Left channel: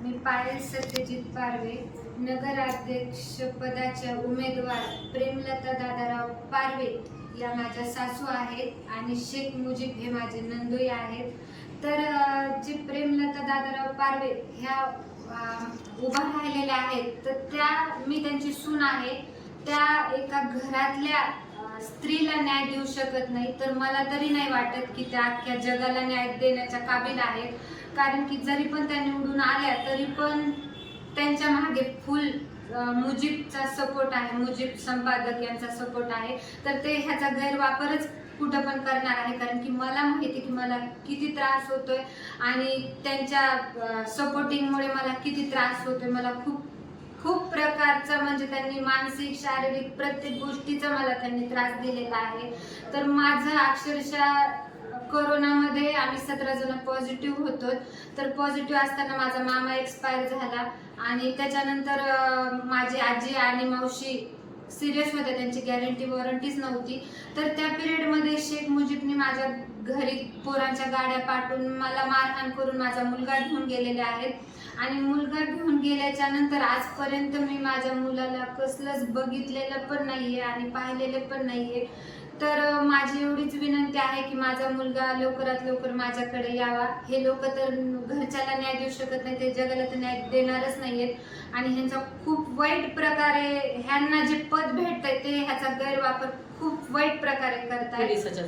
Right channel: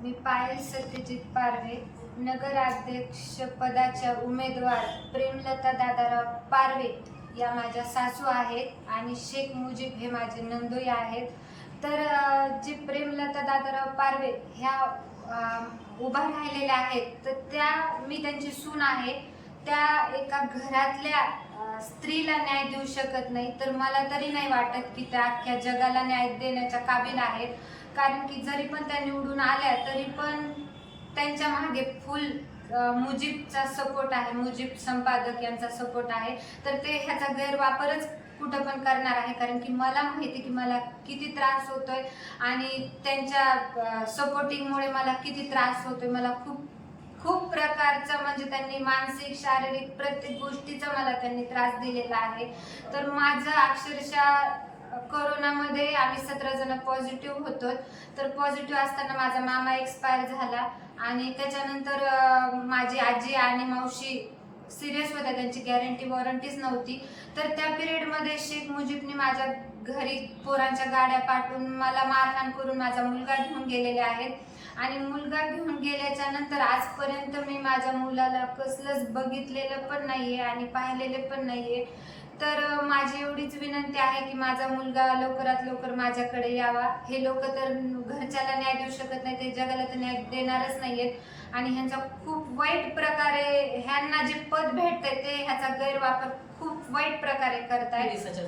मी पायल सत्यजित पारवे, नगराध्यक्ष पदाच्या उमेदवार प्रेमलता दादाराव पारवे या माझ्या सासू आहेत आणि शेख मुजीब हे माझे नंदोई आहेत. तर जे प्रेमलता दादाराव पारवे ह्या उभा राहिलेल्या आहेत, तर मी त्यांची सून आहे. त्या एका घरातल्या स्त्रीला न्याय देऊ शकत नाही, तर मला तरी नाही वाटत की त्या अख्ख्या जगाला न्याय देण्याच्या काबिल आहेत. कारण की जरी पण त्या निवडून आल्या तरी पण त्यांच्या मागे फुल मुजीबचा सपोर्ट आहे, मुजीब संपादक यांचा सपोर्ट आहे. तर ते ह्याचा गैरवापरच कुठं पण करणार आहे. कारण की मला माहिती की मला किती त्रास होतोय आणि त्यांच्या सपोर्टिंगमुळे मला किती त्रास होतोय. मला खूप प्रकारचा म्हणजे त्यांनी मानसिक शारीरिक प्रत्येक गोष्टीचा मला त्यांनी त्रास दिलेला आहे. तर माझं अक्षरशः कोरोनामध्ये आम्ही 17 जण पॉझिटिव्ह होतो. तर पॉझिटिव्ह असताना माझा मामा एक्सपायर झाला आणि त्याच्यानंतर माझी आजी आणि मावशी सिरियस होत्या, त्यांची गॅरंटी वॉरंटीच नव्हती. तर त्या पिरियडमध्ये शेख मुजीबने माझ्या घरी पोरांच्या गाड्या पाठवून मला मारहाण करून माझा मुलगा घेऊन गेलेले आहेत. आणि मुलगा घेऊन गेल्याच्या नंतर आजपर्यंत मी माझ्या मुलाला कसलंच बघितलेलं पण नाहीये आणि पाहिलेलं पण नाहीये. तर माझी एवढीच विनंती आहे की माझा मुलगा लवकरात लवकर माझ्याकडे यावा. हे लोक तर घरच्याला न्याय देऊ शकत नाही, ते जगाला तर न्याय देणारच नाहीयेत. आणि ह्यांचा खूप वाईट प्रकारे ह्यांना जे पद भेटतंय ते ह्याचा गैरवापर खूप वाईट प्रकारे करतायत.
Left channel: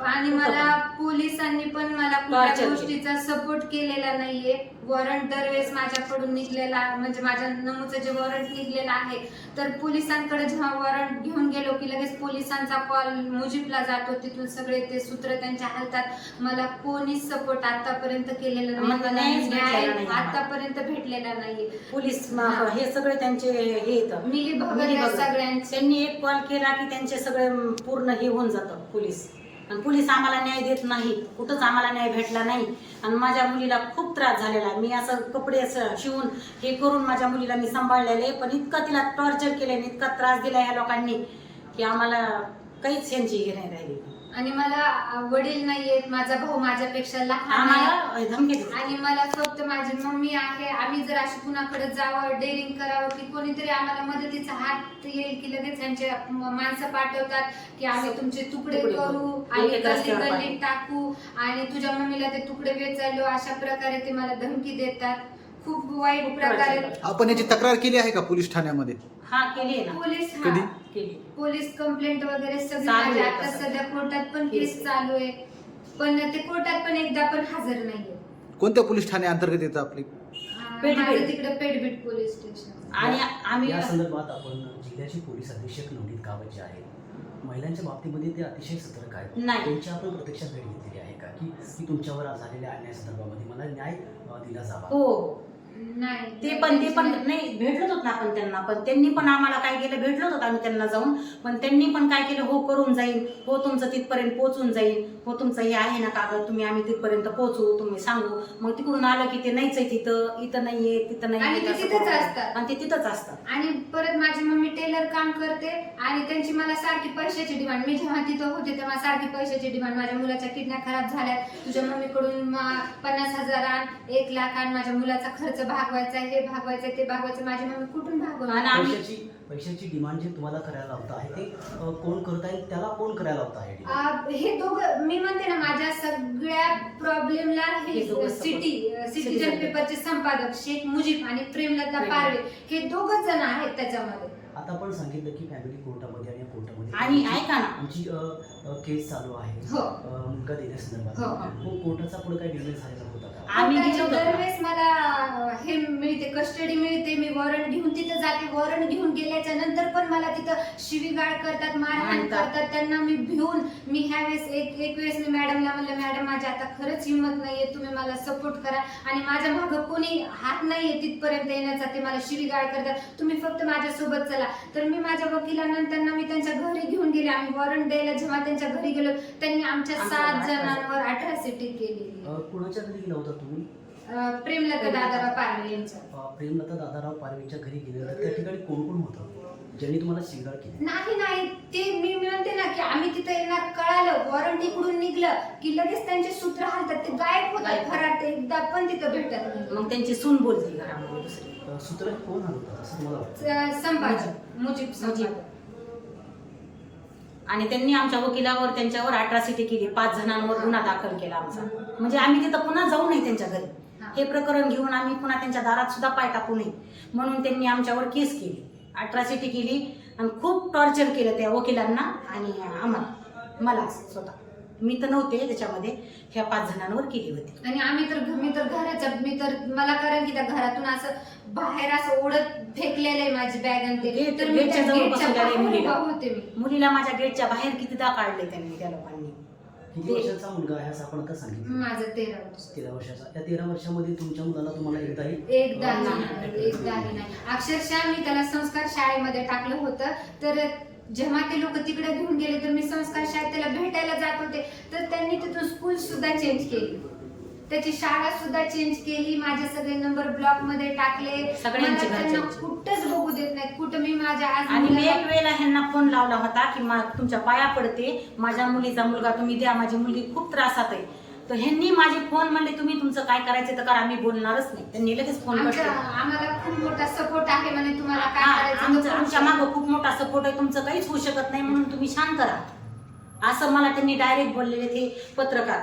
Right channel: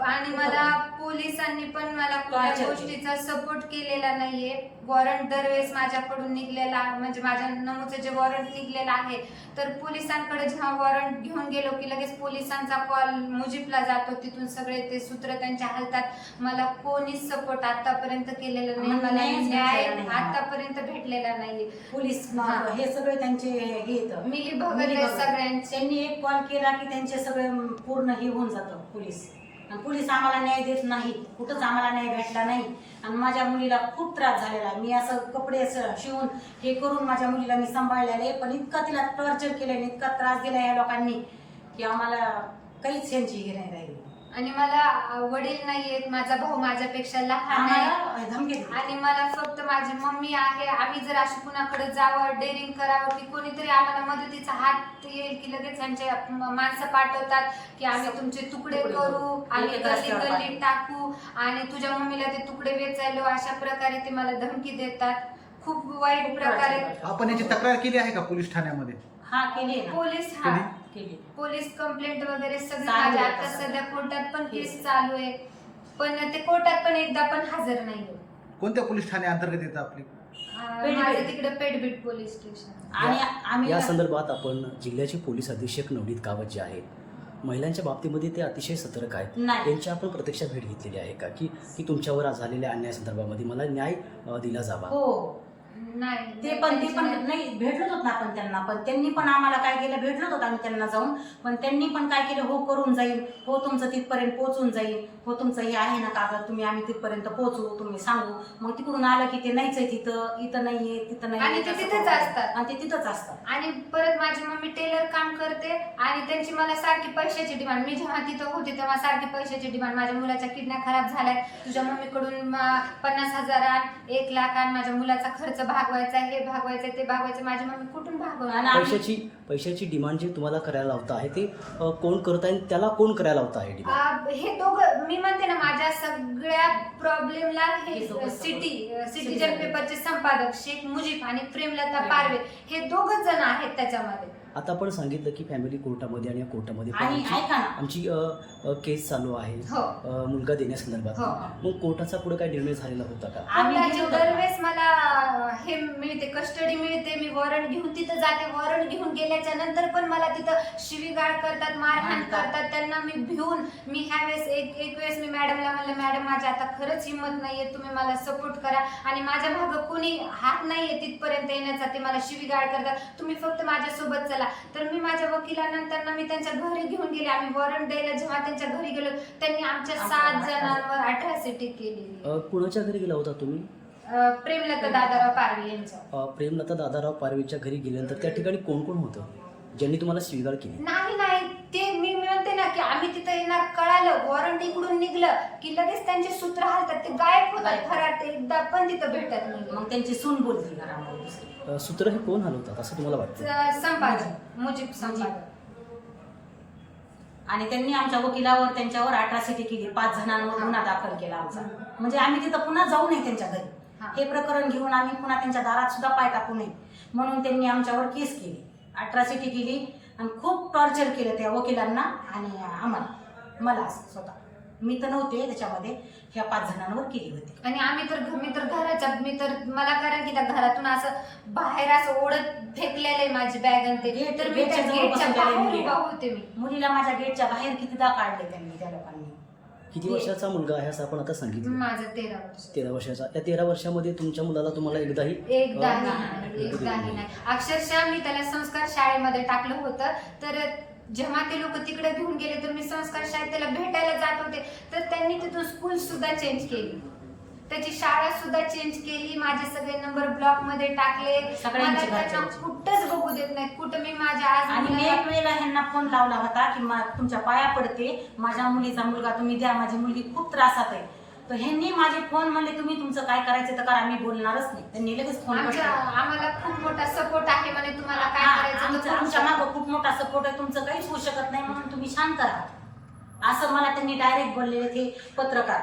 आणि मला पोलिसांनी पण मला कुठल्या गोष्टीचा सपोर्ट केलेला नाहीये. वॉरंट दरवेळेस माझ्याकडून निघलेला, म्हणजे माझ्या नमूचं जे वॉरंट निघलेलं आहे, तर पोलिसांकडे जेव्हा वॉरंट घेऊन गेलो की लगेच पोलिसांचा कॉल मुजीबला जातो, तिथून सगळे ते सूत्र त्यांच्या हातात. मला कोणीच सपोर्ट आतापर्यंत केलेला नाही, मला न्याय आतापर्यंत भेटलेला नाहीये. पोलीस हे सगळे त्यांचे हे मिली भगत सगळ्यांचे. त्यांनी एक कॉल केला की त्यांचे सगळे पूर्ण हे होऊन जातं पोलीस. आणि पोलीस आम्हाला न्याय देत नाही, कुठंच आम्हाला न्याय भेटला नाही. आणि माझ्या मुलीला खूप त्रास झालेला आहे. मी असं कपडे असं शिवून हे करून माझ्या मुलीला मी सांभाळलेले, पण इतका तिला टॉर्चर केलं, इतका त्रास दिला ह्या लोकांनी की आम्हाला काहीच यांची हे नाही राहिली. आणि मला वडील नाहीयेत, माझा भाऊ माझ्यापेक्षा लहान आहे धमकी आणि मला फक्त माझी मम्मी आहे. आम्ही जर अशी कुणाकडे जावं, डेअरिंग करावं की कोणीतरी आम्हाला मदतीचा हात येईल की लगेच त्यांचे माणसं पाठवतात की आम्ही तुमचे तुकडे करू, आम्ही गल्ली टाकू आणि तुझ्या मम्मीला ते तुकडे वेचायलो, अशा प्रकारे ते मला धमकी देतात. खूप वाईट प्रकारे. आपण याची तक्रार केली आहे का पोलीस ठाण्यामध्ये? हा केली ना. पोलीस कंप्लेंट वगैरे सगळी माझ्या आता सध्या कोर्टात पण केस चालू आहे, पण ते कोर्टात पण एकदा पण हजर नाहीये. कोणत्या पोलीस ठाणे अंतर्गत येतं आपली? माझं तिकडे पेडबीट पोलीस स्टेशन. आणि आम्ही या संदर्भात आपण जिल्ह्याचे पोलीस अधीक्षक नवनीत कावत जे आहेत, महिलांच्या बाबतीमध्ये ते अतिशय सतर्क आहेत. त्यांची आपण प्रत्यक्षात भेट घेतलेली आहे का की तुमच्यावर झालेल्या अन्याय संदर्भामध्ये मला न्याय दिला जावा? हो नाही, ते पण नाही भेटलोच होत ना आपण त्यांना. पण त्यांनी पण आम्हाला काय केलं, भेटलोच होत आम्ही त्यांना जाऊन. पण त्यांनी पण काय केलं, हो करून जाईल, हो तुमचं तिथपर्यंत पोहोचून जाईल, हो तुमचं हे आहे ना कागद, तुम्ही आम्ही तिथपर्यंत पोहोचू, तुम्ही सांगू. मग तिकडून आलं की ते नाहीच आहे, इथं नाहीये, तिथं नाही, आणि ते तिथंच असतात. आणि ते तिथंच असतात. आणि परत माझी मम्मी टेलर काम करते आणि त्यांची मला सारखी पैशाची डिमांड. मी जेव्हा तिथं होते तेव्हा सारखी पैशाची डिमांड. माझ्या मुलाच्या किडन्या खराब झाल्या, तुझ्या मम्मीकडून 50,000 आण, 1 लाख आण, माझ्या मुलाचा खर्च भागवायचा, हे भागवायचं, ते भागवायचं. माझी मम्मी कुठून भागवणार? पैशाची डिमांड जी तुम्हाला करायला लावता आहे ते कोण करत आहे, त्याला कोण करायला लावता आहे? हे दोघं, मी म्हणते ना, माझ्या सगळ्या प्रॉब्लेमला हे सिटीजन पेपरचे संपादक शेख मुजीब आणि प्रेमलता पारवे हे दोघच जण आहेत त्याच्यामध्ये. आता आपण सांगितलं की फॅमिली कोर्टामध्ये आणि कोर्टामध्ये आणि ऐका ना, आमची केस चालू आहे मुलगा देण्यासंदर्भात. मग कोर्टाचा पुढे काय निर्णय झालेला होता का? दरवेळेस मला हे मिळते, कस्टडी मिळते, मी वॉरंट घेऊन तिथं जाते. वॉरंट घेऊन गेल्याच्या नंतर पण मला तिथं शिवीगाळ करतात, मारहाण करतात. त्यांना मी भिवून मी ह्या वेळेस एक वेळेस मी मॅडमला म्हणलं, मॅडम माझी आता खरंच हिंमत नाहीये, तुम्ही मला सपोर्ट करा आणि माझ्या मागं कोणी हात नाहीये तिथपर्यंत येण्याचा. ते मला शिवीगाळ करतात, तुम्ही फक्त माझ्यासोबत चला. तर मी माझ्या वकिलांना मी त्यांच्या घरी घेऊन गेले. आम्ही वॉरंट द्यायला जेव्हा त्यांच्या घरी गेलो, त्यांनी आमच्या 7 जणांवर अट्रॉसिटी केली. कुणाच्या घरी गेला होता तुम्ही? प्रेमलता दादाराव पारवे यांच्या. प्रेमलता दादाराव पारवेच्या घरी गेल्यानंतर त्या ठिकाणी कोण कोण होतं? ज्यांनी तुम्हाला शिवीगाळ केली? नाही ते मी म्हणते ना की आम्ही तिथं येणार कळालं, वॉरंट इकडून निघलं की लगेच त्यांचे सूत्र हालतात, ते गायब होतात घरात, एकदा पण तिथं भेटत नाही. मग त्यांची सून बोलते घरामध्ये दुसरी. सूत्र हे कोण हलवतात असं तुम्हाला वाटतं? संपादक मुजीब संपादक. आणि त्यांनी आमच्या वकिलावर त्यांच्यावर अट्रॉसिटी केली, 5 जणांवर गुन्हा दाखल केला आमचा. म्हणजे आम्ही तिथं पुन्हा जाऊ नये त्यांच्या घरी, हे प्रकरण घेऊन आम्ही पुन्हा त्यांच्या दारात सुद्धा पाय टाकू नये म्हणून त्यांनी आमच्यावर केस केली, अट्रॉसिटी केली आणि खूप टॉर्चर केलं त्या वकिलांना आणि मला स्वतः. मी तर नव्हते त्याच्यामध्ये, ह्या 5 जणांवर केली होती. आणि मी तर मला कारण की त्या घरातून असं बाहेर असं ओढत फेकलेलं आहे माझी बॅग आणि ते, तर मी त्या गेटच्या बाहेर उभा होते. मुलीला माझ्या गेटच्या बाहेर कितीदा काढले त्यांनी, त्या लोकांनी. किती वर्षाचा मुलगा आहे असं आपण आता सांगितलं? माझं 13 वर्ष. 13 वर्षाचा. त्या 13 वर्षामध्ये तुमच्या मुलाला तुम्हाला एकदाही नाही. अक्षरशः मी त्याला संस्कार शाळेमध्ये टाकलं होतं, तर जेव्हा ते लोक तिकडे घेऊन गेले तर मी संस्कार शाळेत त्याला भेटायला जात होते, तर त्यांनी तिथून स्कूल सुद्धा चेंज केली, त्याची शाळा सुद्धा चेंज केली, माझे सगळे नंबर ब्लॉक मध्ये टाकले, सगळ्यांचे मला त्यांना कुठंच बघू देत नाही, कुठं मी माझ्या आणि मी एक वेळेला ह्यांना फोन लावला होता की तुमच्या पाया पडते, माझ्या मुलीचा मुलगा तुम्ही द्या, माझी मुलगी खूप त्रासात आहे. तर ह्यांनी माझे फोन म्हणले तुम्ही तुमचं काय करायचं तर करा, आम्ही बोलणारच नाही. त्यांनी लगेच फोन कट केला. आम्हाला खूप मोठा सपोर्ट आहे म्हणे, तुम्हाला काय करायचं आमच्या मागं खूप मोठा सपोर्ट आहे, तुमचं काहीच होऊ शकत नाही म्हणून तुम्ही शांत राहा, असं मला त्यांनी डायरेक्ट बोललेले. ते पत्रकार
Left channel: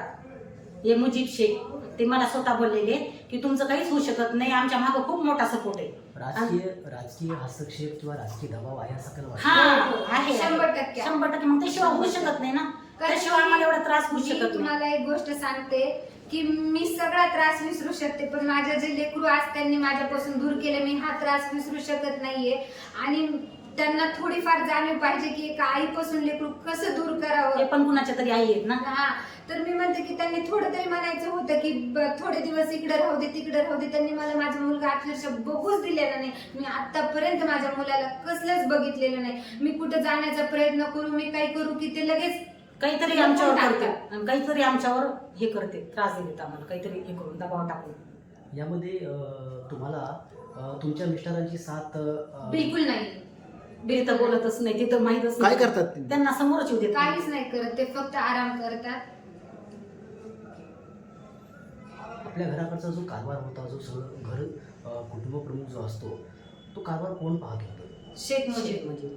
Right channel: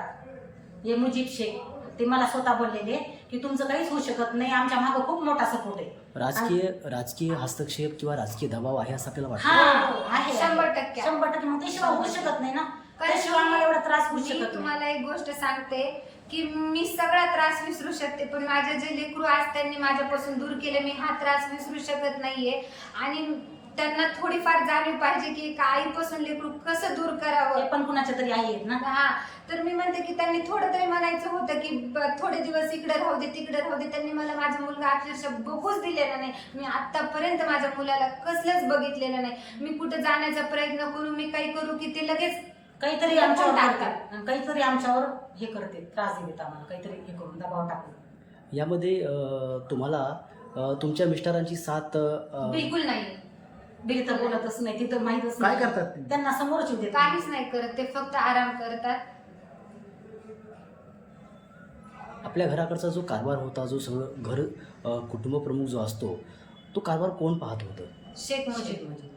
हे मुजीब शेख ते मला स्वतः बोललेले की तुमचं काहीच होऊ शकत नाही, आमच्या मागं खूप मोठा सपोर्ट आहे. राजकीय हस्तक्षेप किंवा राजकीय दबाव आहे असं आपल्याला वाटतं? आहे 100%. 100%. मग त्याशिवाय होऊ शकत नाही ना, त्याशिवाय आम्हाला एवढा त्रास होऊ शकत नाही. तुम्हाला एक गोष्ट सांगते की मी सगळा त्रास विसरू शकते, पण माझे जे लेकरू आज त्यांनी माझ्यापासून दूर केले, मी हा त्रास विसरू शकत नाहीये. आणि त्यांना थोडीफार जाणीव पाहिजे की एका आईपासून लेकरू कसं दूर करावं. हे पण कुणाच्या तरी आई आहेत ना. तर मी म्हणते की त्यांनी थोडं तरी म्हणायचं होतं की थोडे दिवस इकडे राहू दे तिकडे राहू दे. त्यांनी मला माझा मुलगा अक्षरशः बघूच दिलेला नाही. मी आतापर्यंत माझ्या मुलाला कसलंच बघितलेलं नाही. मी कुठे जाण्याचा प्रयत्न करू, मी काही करू की ते लगेच काहीतरी आमच्यावर करते, काहीतरी आमच्यावर हे करते, त्रास देते आम्हाला, काहीतरी हे करून दबाव टाकून. यामध्ये तुम्हाला तुमच्या मिस्टरांची साथ बिलकुल नाही. तर बोलतच नाही, ते तर माहितच काय नाही. करतात ते? त्यांना समोरच येऊ देत काहीच नाही करत, ते फक्त आराम करतात. आपल्या घराकडचा जो कारभार होता, जो सगळं घर कुटुंब प्रमुख जो असतो, तो कारभार कोण पाहत होतं? शेख मुजीब.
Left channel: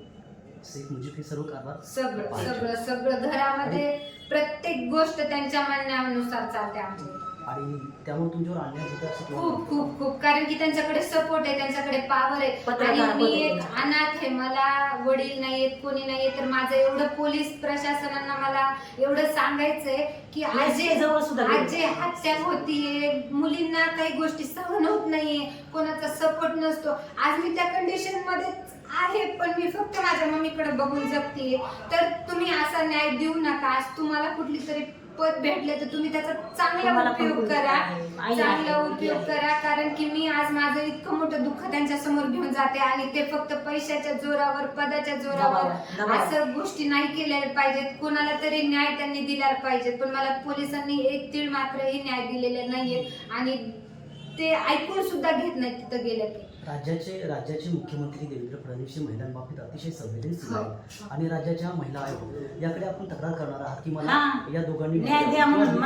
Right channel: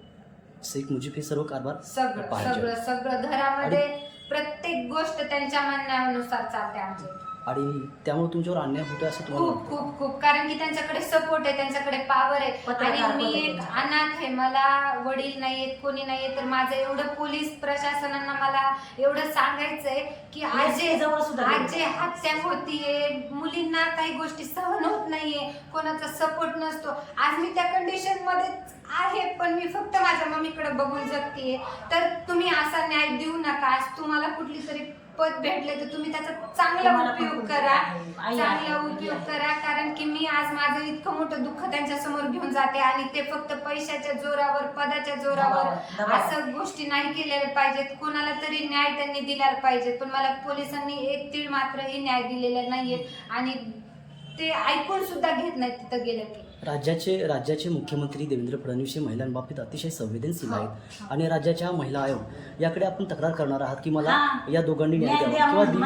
शेख मुजीब हे सर्व कारभार सगळं घरामध्ये प्रत्येक गोष्ट त्यांच्या म्हणण्यानुसार चालते आमच्या. आणि त्यामुळे तुमच्यावर अन्याय होतो असं खूप खूप खूप, कारण की त्यांच्याकडे सपोर्ट आहे, त्यांच्याकडे पॉवर आहे. आणि मी एक अनाथ आहे, मला वडील नाहीयेत, कोणी नाहीये. तर माझं एवढं पोलीस प्रशासनांना मला एवढं सांगायचंय की आज जे हत्या होतीये, मुलींना काही गोष्टी सहन होत नाहीये, कोणाचा सपोर्ट नसतो. आज मी त्या कंडिशन मध्ये आहे, पण मी फक्त माझ्या मम्मीकडे बघून जगतीये. तर तुम्ही असा न्याय देऊ नका. आज तुम्हाला कुठली तरी पद भेटले तर तुम्ही त्याचा चांगला उपयोग करा, कारण की मी आज माझं इतकं मोठं दुःख त्यांच्या समोर घेऊन जाते आणि ते फक्त पैशाच्या जोरावर, पदाच्या जोरावर असं गोष्टी नाही केल्या पाहिजेत. कोणाला तरी न्याय त्यांनी दिला पाहिजे, पण मला पोलिसांनी एक तीळ मात्रही न्याय दिलेला नाहीये आणि ते ऐकून सुद्धा घेत नाहीत तिथं गेलं की. राज्याचे मुख्यमंत्री देवेंद्र फडणवीस हे महिलांबाबतीत अतिशय संवेदनशील आहेत आणि राज्याच्या महिला आयोग याकडे आपण तक्रार करणार आहात की मला या दोघांनी न्याय द्या म्हणून.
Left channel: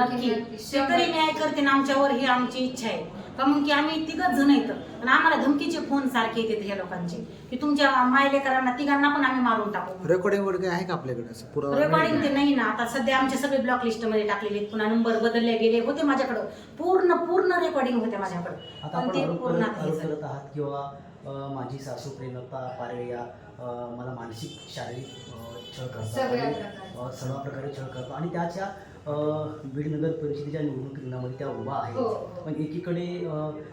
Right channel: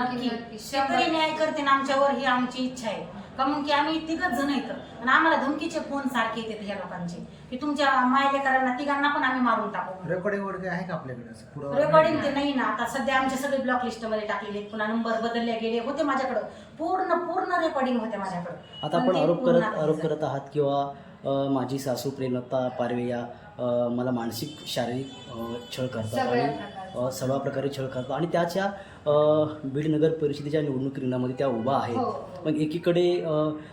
नक्की तरी न्याय करते ना आमच्यावर, ही आमची इच्छा आहे. का मग की आम्ही 3 जण येतो आणि आम्हाला धमकीचे फोन सारखे येतात ह्या लोकांचे की तुमच्या मायलेकरांना 3 पण आम्ही मारून टाकू. रेकॉर्डिंग वगैरे आहे का आपल्याकडे असं पुरावा? रेकॉर्डिंग ते नाही ना, आता सध्या आमचे सगळे ब्लॉक लिस्ट मध्ये टाकलेले आहेत, पुन्हा नंबर बदलले गेले होते. माझ्याकडे पूर्ण रेकॉर्डिंग होते माझ्याकडे. आता आपण आरोप करत आहात किंवा माझी सासू प्रेमलता पारवे या मला मानसिक शारीरिक छळ करतात, सर्व प्रकारे छळ करतात आणि त्याच्या बीड नगर परिषदेच्या निवडणूक रिंगणामध्ये त्या उभा आहेत. मग एकीकडे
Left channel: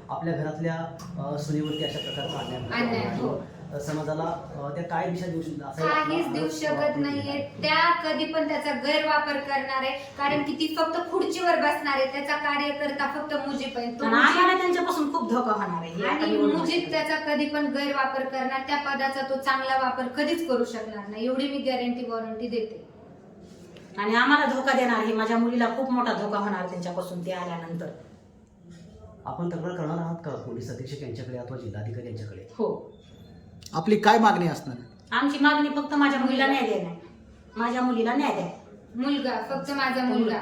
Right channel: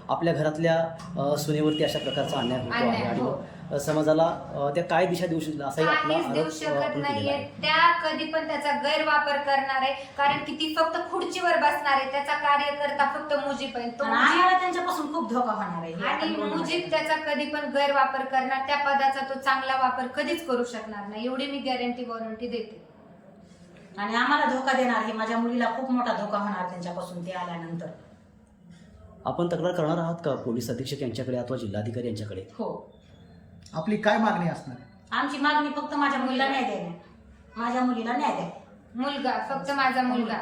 आपल्या घरातल्या सुनेवरती अशा प्रकारचा अन्याय होतो, समाजाला त्या काय दिशा देऊ शकतात? काहीच देऊ शकत नाहीये. त्या कधी पण त्याचा गैरवापर करणार आहे, कारण की ती फक्त खुर्चीवर बसणार आहे. त्याचा कार्यकर्ता फक्त मुजीब आहे, त्यांच्यापासून खूप धोका होणार आहे. आणि मुजीब त्याचा कधी पण गैरवापर करणार, त्या पदाचा तो चांगला वापर कधीच करू शकणार नाही, एवढी मी गॅरंटी देते. आणि आम्हाला धोका देणार, हे माझ्या मुलीला खूप मोठा धोका होणार त्यांच्यापासून ते आल्यानंतर. आपण तक्रार करणार आहात का पोलीस अधीक्षक यांच्याकडे अथवा जिल्हाधिकारी यांच्याकडे? हो, आपली काय मागणी असणार आहे? आमची मागणी फक्त माझ्या मुलीला न्याय देणार, माझ्या मुलीला न्याय द्या. मुलगा, फक्त माझा मुलगा.